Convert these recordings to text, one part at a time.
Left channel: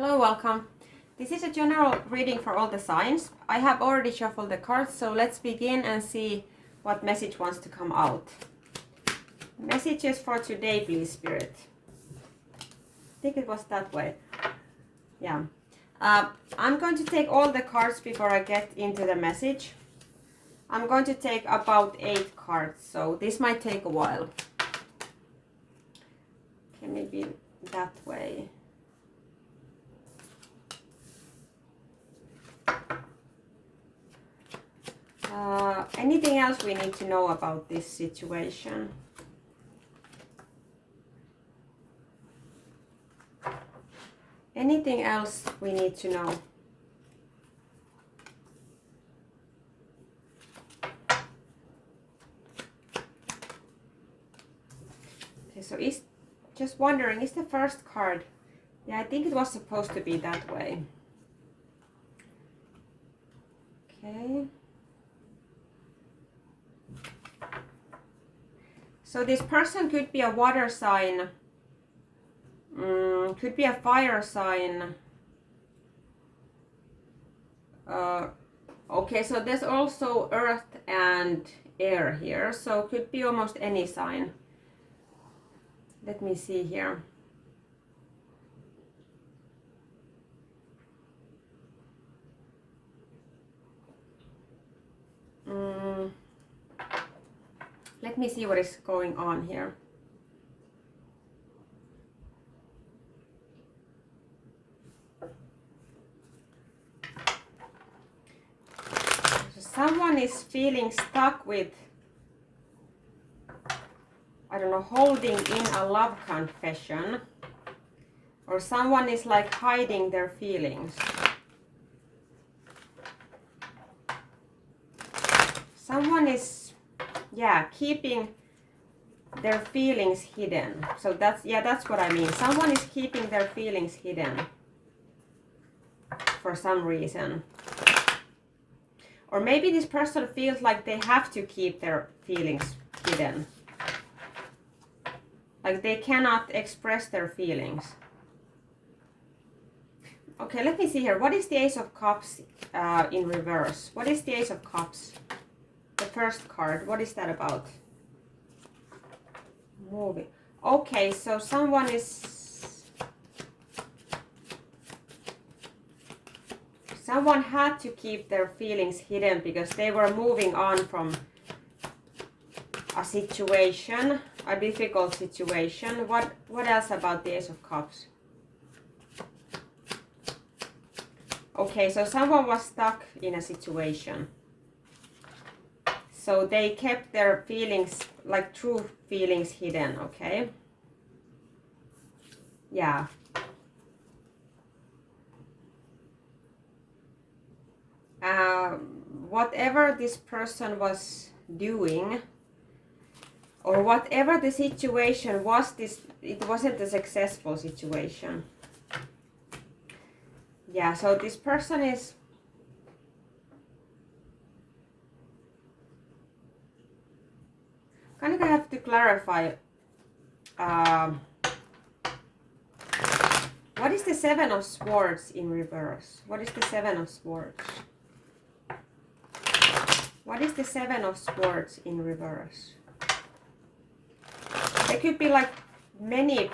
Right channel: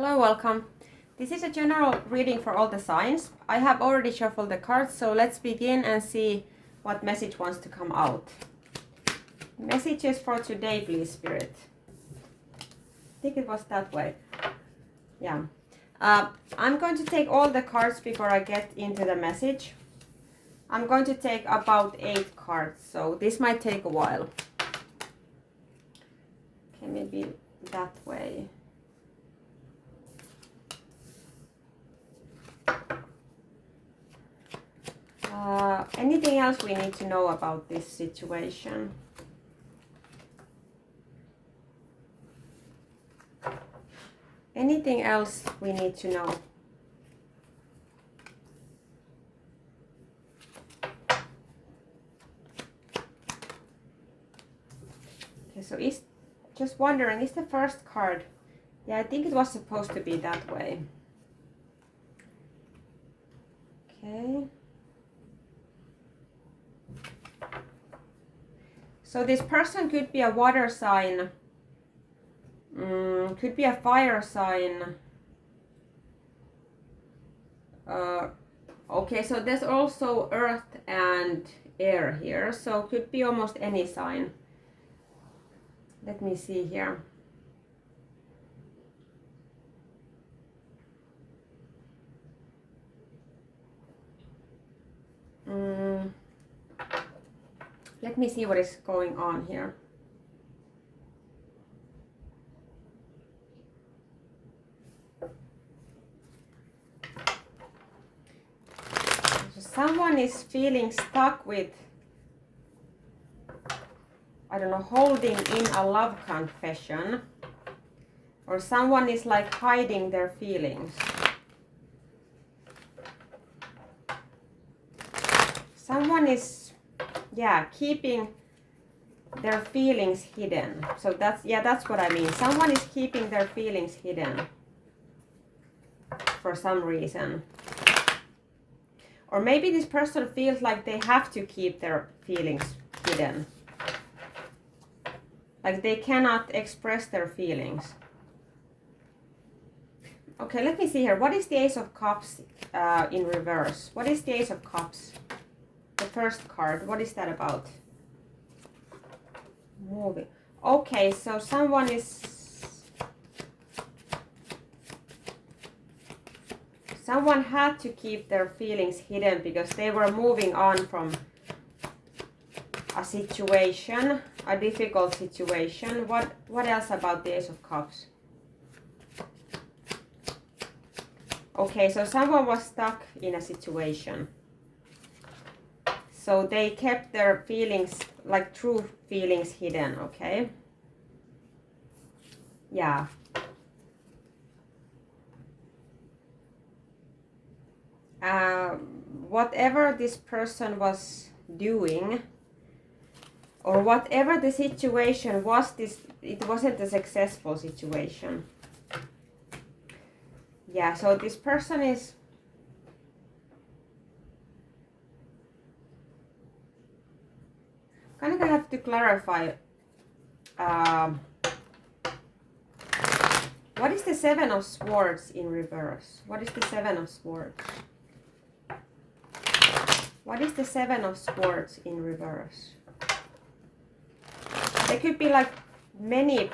Hello, welcome. This is a general reading for all the signs. I have already shuffled the cards, so let's begin and see what message wants to come out. Messages for today, please, Spirit. I think it was that way. Yeah. I'm going to take all the cards before I get into the message. I'm going to take about 8 cards, so this might take a while. Okay, maybe that way. Anything else we need to know about this situation? Anything else we need to know? Okay, so is just wondering, is the first card? Yeah, I think it was supposed to be that way. Okay. So this person could be a water sign, could be a fire sign. Okay, so there's also earth and air here, so could be almost any sign. Let me see here. Let me see what is going on here. So someone is feeling stuck with, I don't know, holding in a love confession. Or someone is like hiding their feelings. Someone is, yeah, keeping their feelings hidden. So that's what I mean. Someone is keeping their feelings hidden for some reason. Or maybe this person feels like they have to keep their feelings hidden. Like they cannot express their feelings. Okay, let me see here. What is the Ace of Cups in reverse? What is the Ace of Cups? The first card, what is that about? Moving. Okay, so someone had to keep their feelings hidden because they were moving on from a situation, a difficult situation. What else about the Ace of Cups? Okay, so someone was stuck in a situation. So they kept their feelings, like true feelings, hidden, okay? Yeah. Whatever this person was doing, or whatever the situation was, it wasn't a successful situation. Yeah, so this person is kind of have to clarify. What is the Seven of Swords in reverse? What is the Seven of Swords? What is the Seven of Swords in reverse? There could be like many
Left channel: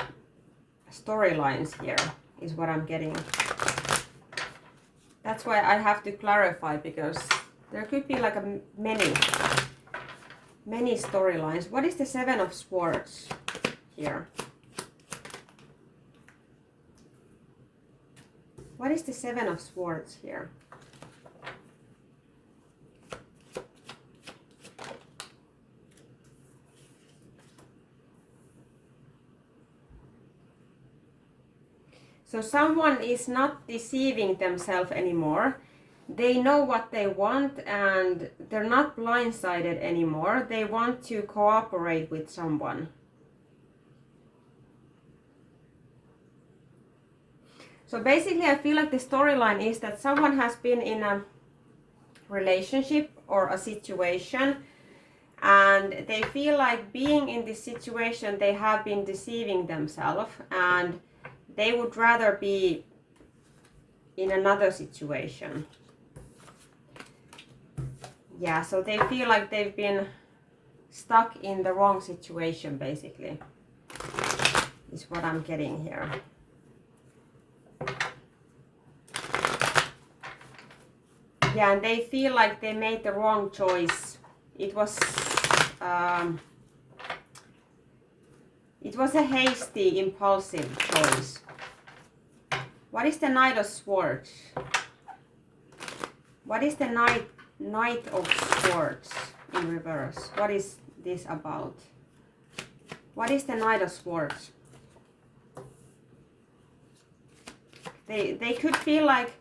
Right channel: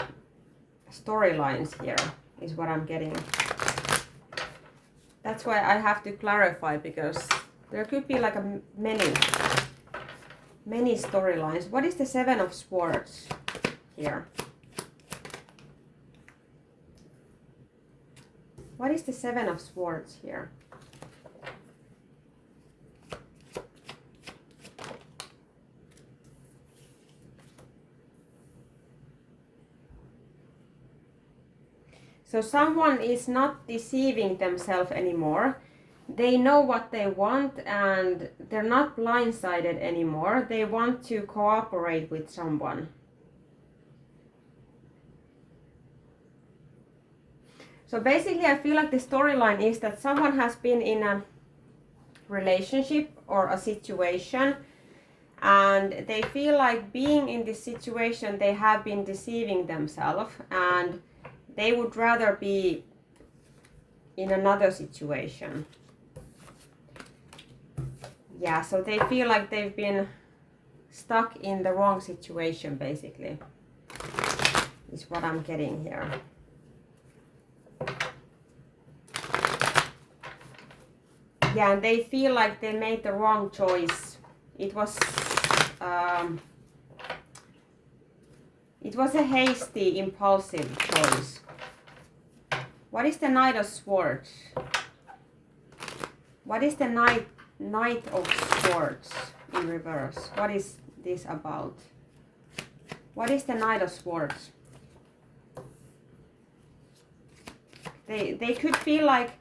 storylines here, is what I'm getting. That's why I have to clarify, because there could be like many storylines. What is the Seven of Swords here? What is the Seven of Swords here? So someone is not deceiving themselves anymore. They know what they want and they're not blindsided anymore. They want to cooperate with someone. So basically I feel like the storyline is that someone has been in a relationship or a situation and they feel like being in this situation they have been deceiving themselves, and they would rather be in another situation. Yeah, so they feel like they've been stuck in the wrong situation, basically, is what I'm getting here. Yeah, and they feel like they made the wrong choice. It was a hasty, impulsive choice. What is the Knight of Swords? What is the Knight of Swords in reverse? What is this about? What is the Knight of Swords? They could feel like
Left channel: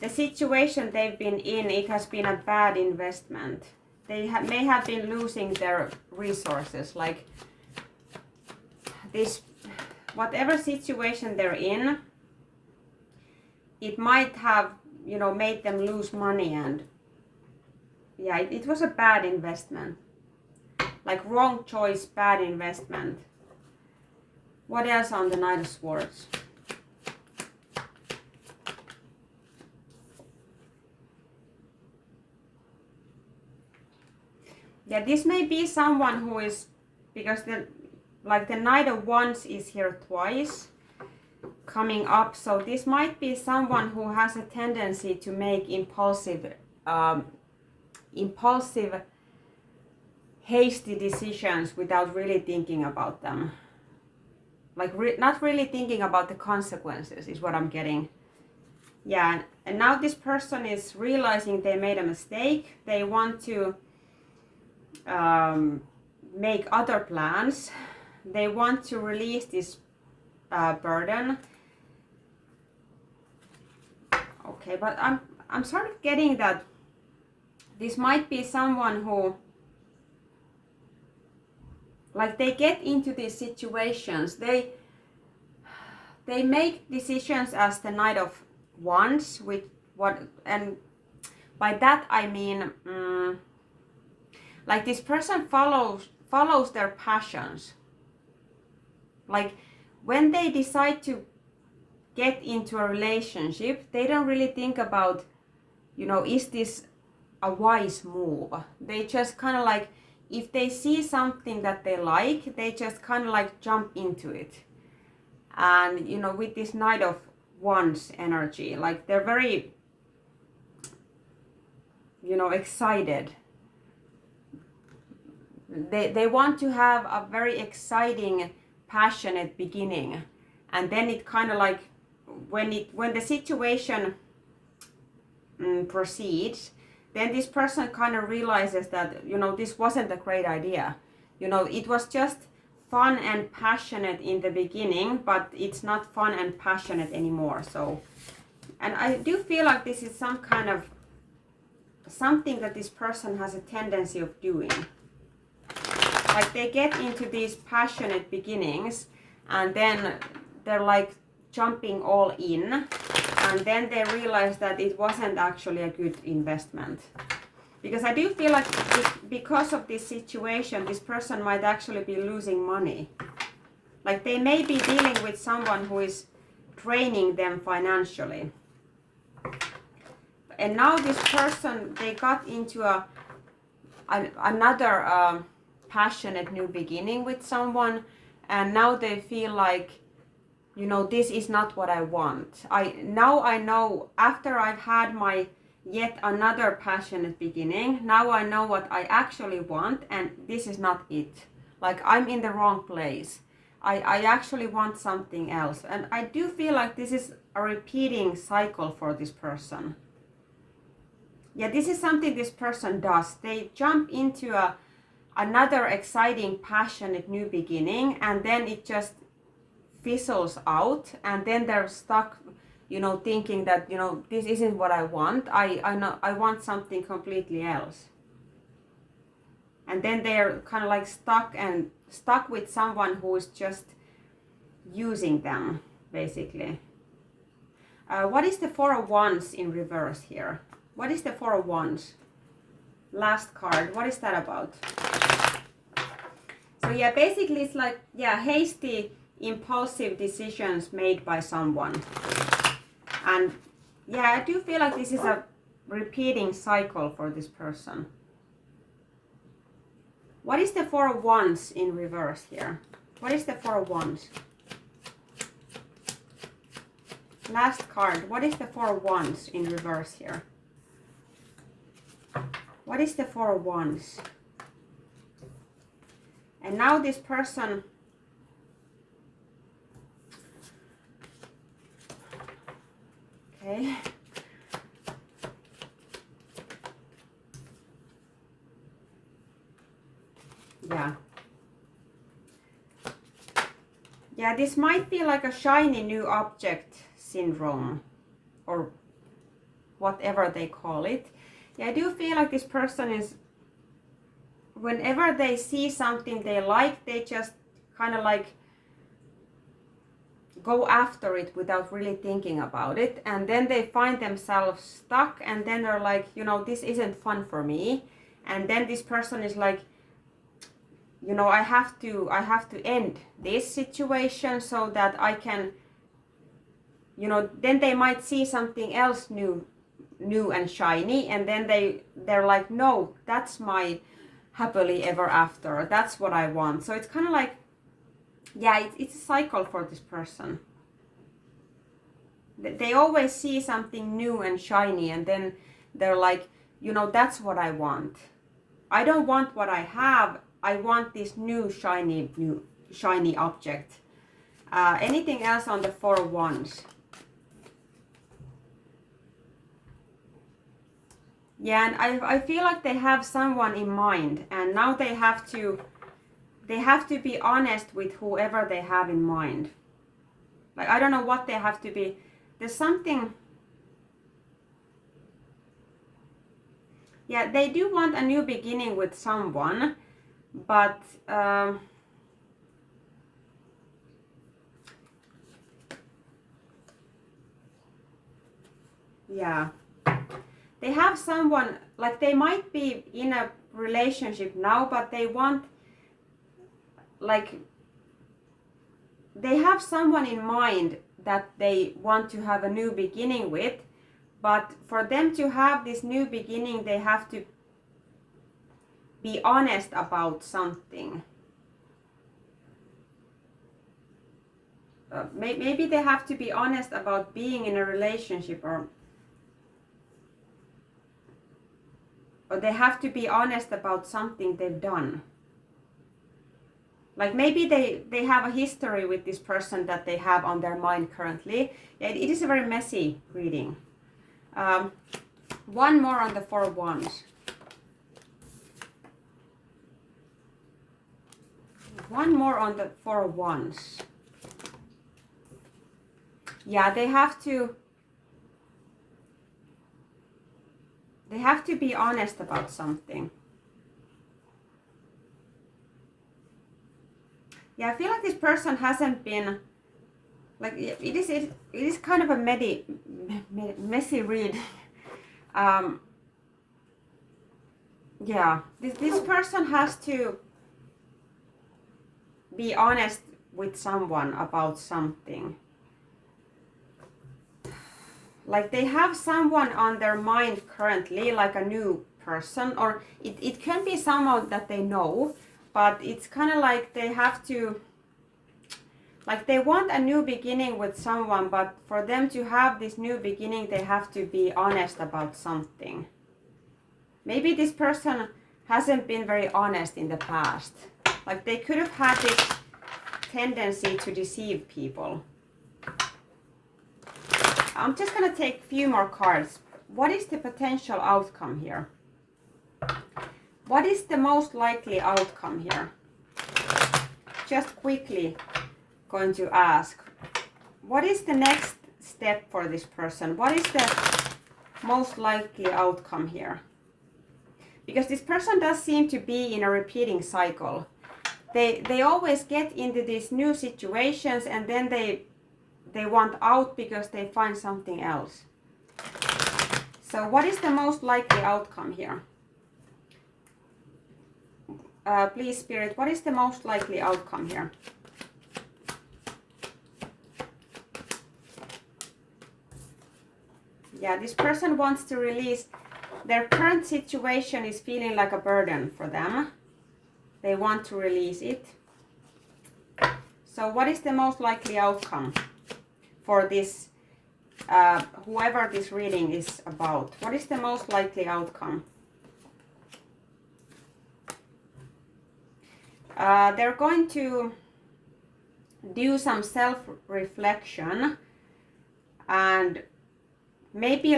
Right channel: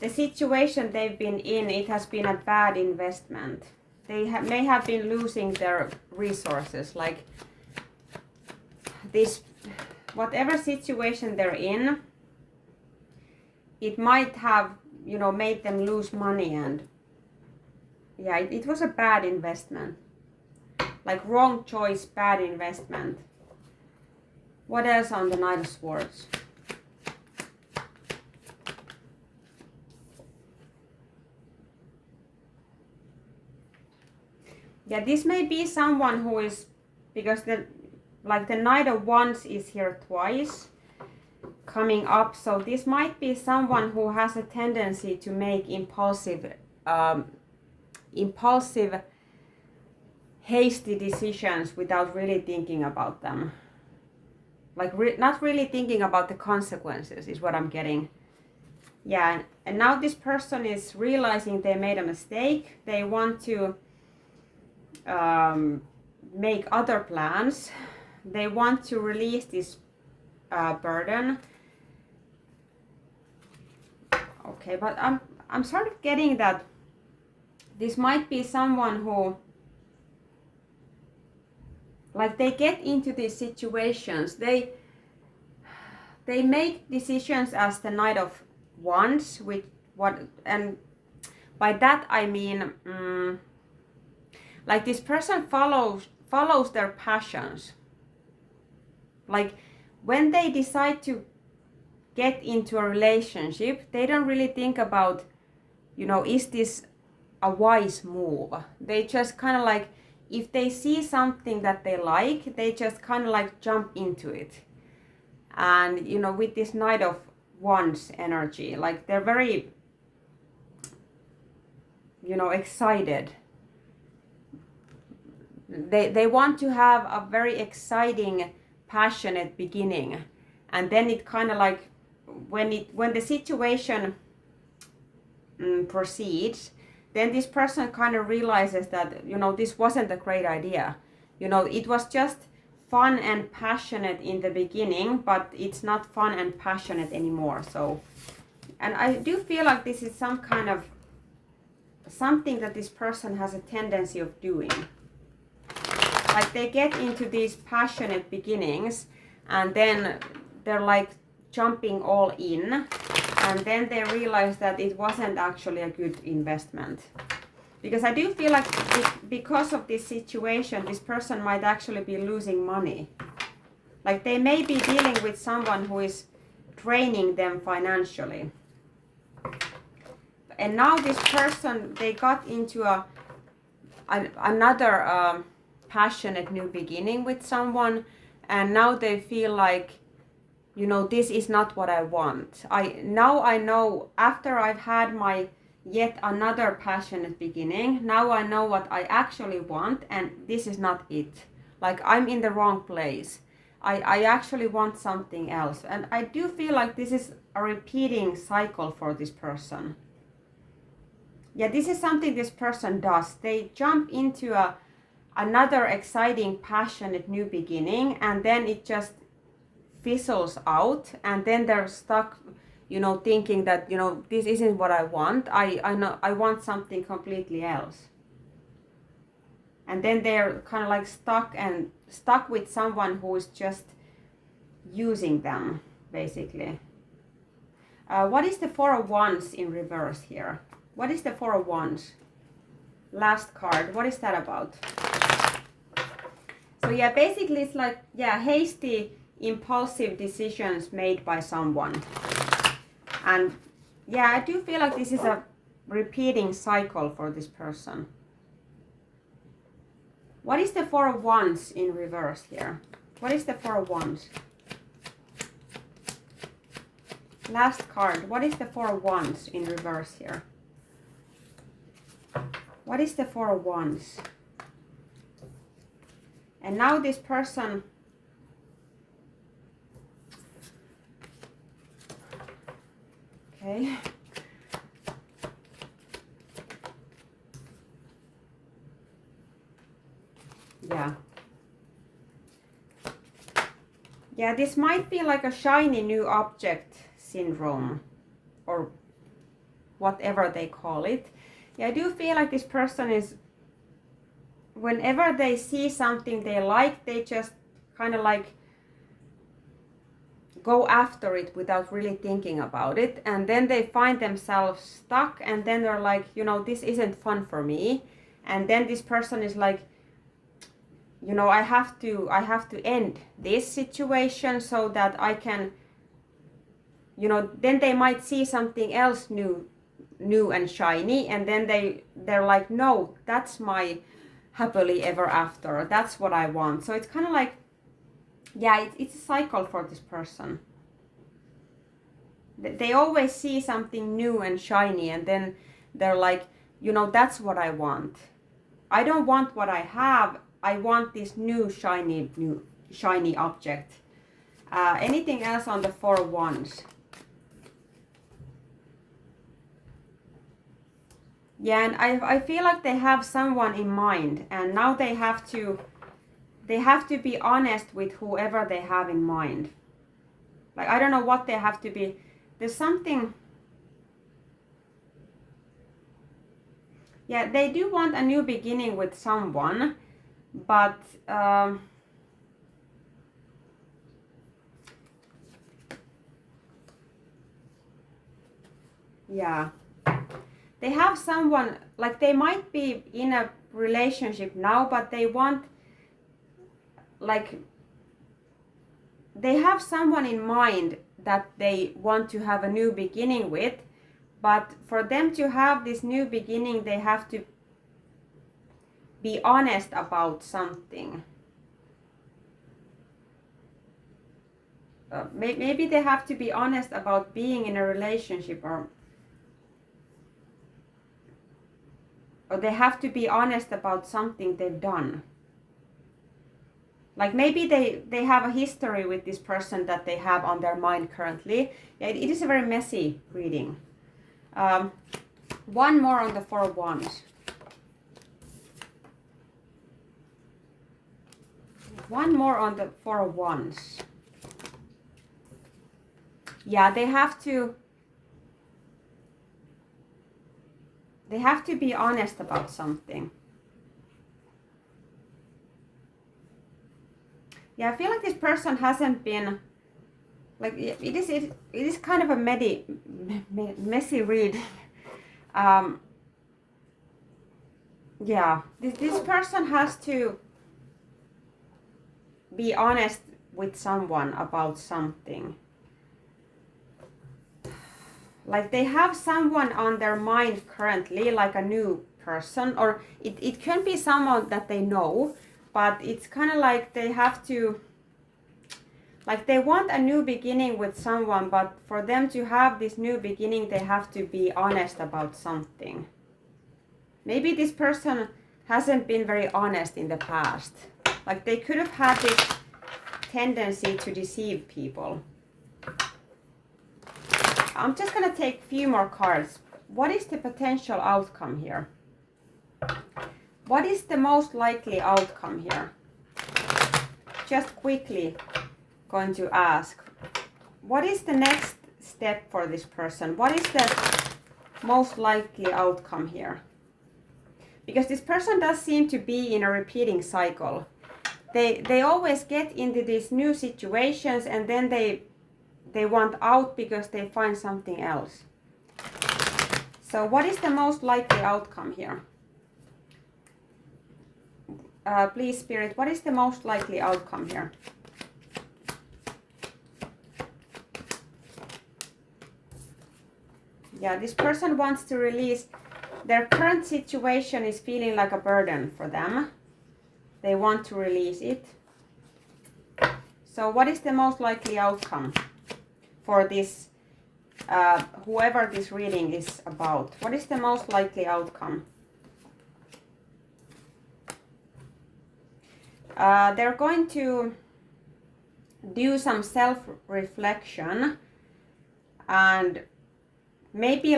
the situation they've been in, it has been a bad investment. They may have been losing their resources, like this, whatever situation they're in, it might have, you know, made them lose money, and yeah, it was a bad investment. Like wrong choice, bad investment. What else on the Knight of Swords? Yeah, this may be someone who is, because the Knight of Wands is here twice coming up, so this might be someone who has a tendency to make impulsive, hasty decisions without really thinking about them. Like not really thinking about the consequences is what I'm getting. Yeah, and now this person is realizing they made a mistake. They want to make other plans. They want to release this burden. Okay, but I'm sort of getting that this might be someone who, like, they get into these situations, they make decisions as the Knight of Wands, with what, and by that I mean like this person follows their passions. Like when they decide to get into a relationship, they don't really think about, you know, is this a wise move? They just kind of like, if they see something that they like, they just kind of like jump into it. And you know, with this Knight of Wands energy, like they're very, you know, excited. They want to have a very exciting, passionate beginning, and then it kind of like, when the situation proceeds, then this person kind of realizes that, you know, this wasn't a great idea. You know, it was just fun and passionate in the beginning, but it's not fun and passionate anymore. So, and I do feel like this is some kind of something that this person has a tendency of doing. Like they get into these passionate beginnings, and then they're like jumping all in, and then they realize that it wasn't actually a good investment. Because I do feel like because of this situation, this person might actually be losing money. Like they may be dealing with someone who is draining them financially. And now this person, they got into another passionate new beginning with someone, and now they feel like, you know, this is not what I want. I know, after I've had my yet another passionate beginning, now I know what I actually want, and this is not it. Like I'm in the wrong place. I actually want something else. And I do feel like this is a repeating cycle for this person. Yeah, this is something this person does. They jump into another exciting, passionate new beginning, and then it just fizzles out, and then they're stuck, you know, thinking that, you know, this isn't what I want. I know I want something completely else. And then they're kind of like stuck with someone who is just using them, basically. What is the Four of Wands in reverse here? What is the Four of Wands? Last card. What is that about? So yeah, basically it's like, yeah, hasty, impulsive decisions made by someone. And Yeah, I do feel like this is a repeating cycle for this person. What is the Four of Wands in reverse here? What is the Four of Wands? Last card. What is the Four of Wands in reverse here? What is the Four of Wands? And now this person... Okay. Yeah. Yeah, this might be like a shiny new object syndrome or whatever they call it. Yeah, I do feel like this person is, whenever they see something they like, they just kind of like go after it without really thinking about it, and then they find themselves stuck, and then they're like, you know, this isn't fun for me. And then this person is like, you know, I have to end this situation so that I can, you know, then they might see something else new and shiny, and then they're like, no, that's my happily ever after, that's what I want. So it's kind of like, yeah, it's a cycle for this person. They always see something new and shiny, and then they're like, you know, that's what I want. I don't want what I have. I want this new shiny object. Anything else on the Four of Wands? Yeah, and I feel like they have someone in mind, and now they have to be honest with whoever they have in mind. Like, I don't know what they have to be. There's something. Yeah, they do want a new beginning with someone, but yeah, they have someone, like they might be in a relationship now, but they want, like, they have someone in mind that they want to have a new beginning with, but for them to have this new beginning, they have to be honest about something. Maybe they have to be honest about being in a relationship, or they have to be honest about something they've done. Like maybe they have a history with this person that they have on their mind currently. Yeah, it is a very messy reading. One more on the Four of Wands. One more on the Four of Wands. Yeah, they have to be honest about something. Yeah, I feel like this person hasn't been, like, it is kind of a messy read. Yeah, this person has to be honest with someone about something. Like they have someone on their mind currently, like a new person, or it can be someone that they know, but it's kind of like they have to, like they want a new beginning with someone, but for them to have this new beginning, they have to be honest about something. Maybe this person hasn't been very honest in the past. Like they could have had this tendency to deceive people. I'm just going to take a few more cards. What is the potential outcome here? What is the most likely outcome here? Just quickly going to ask. What is the next step for this person? What is the most likely outcome here? Because this person does seem to be in a repeating cycle. They always get into these new situations, and then they want out because they find something else. So what is the most likely outcome here? Please, Spirit, what is the most likely outcome here? Yeah, this person wants to release. Their current situation is feeling like a burden for them. They want to release it. So what is the most likely outcome for this, whoever this reading is about? What is the most likely outcome? They're going to do some self-reflection, and maybe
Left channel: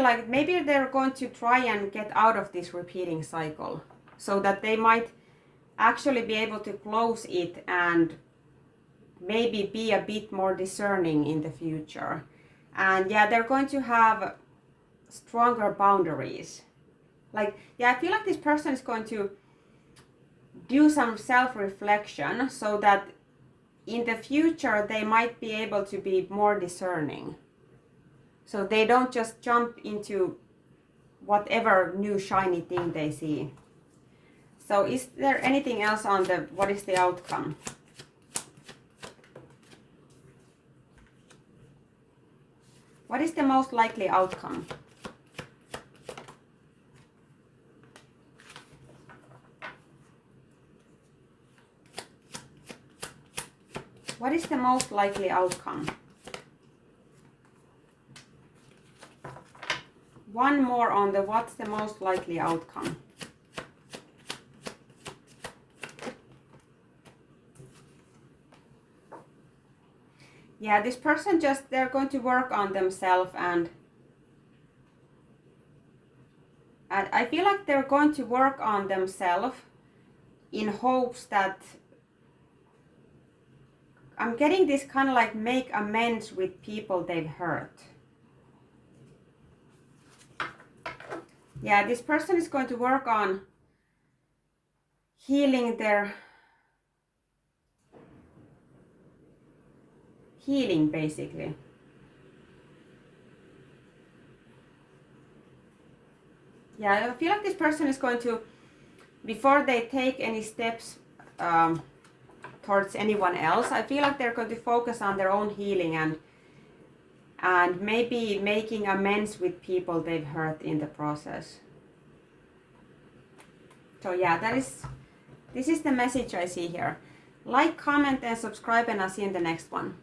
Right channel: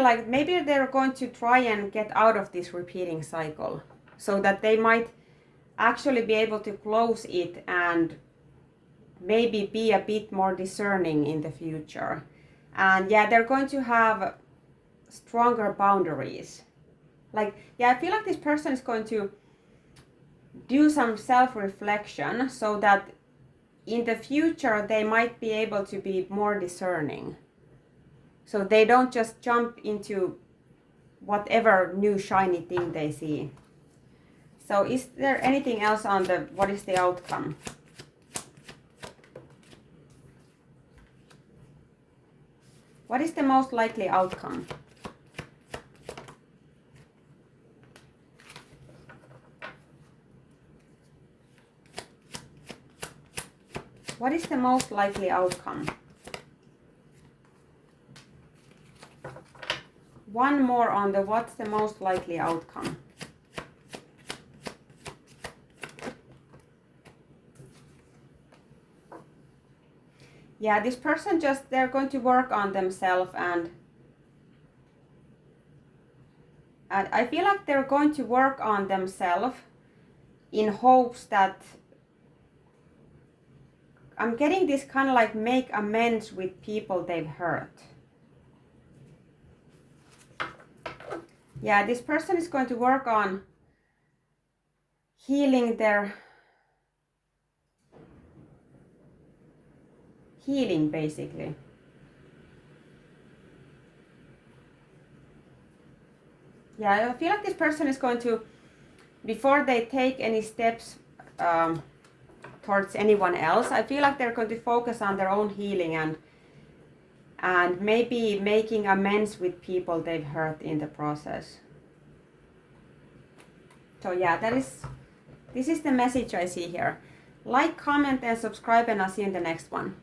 they're going to try and get out of this repeating cycle, so that they might actually be able to close it and maybe be a bit more discerning in the future. And yeah, they're going to have stronger boundaries. Like, yeah, I feel like this person is going to do some self-reflection so that in the future they might be able to be more discerning. So they don't just jump into whatever new shiny thing they see. So is there anything else on the, what is the outcome? What is the most likely outcome? What is the most likely outcome? One more on the what's the most likely outcome. Yeah, this person just, they're going to work on themselves, and I feel like they're going to work on themselves in hopes that, I'm getting this kind of like make amends with people they've hurt. Yeah, this person is going to work on healing their healing, basically. Yeah, I feel like this person is going to, before they take any steps towards anyone else, I feel like they're going to focus on their own healing and maybe making amends with people they've hurt in the process. So yeah, this is the message I see here. Like, comment and subscribe, and I'll see you in the next one.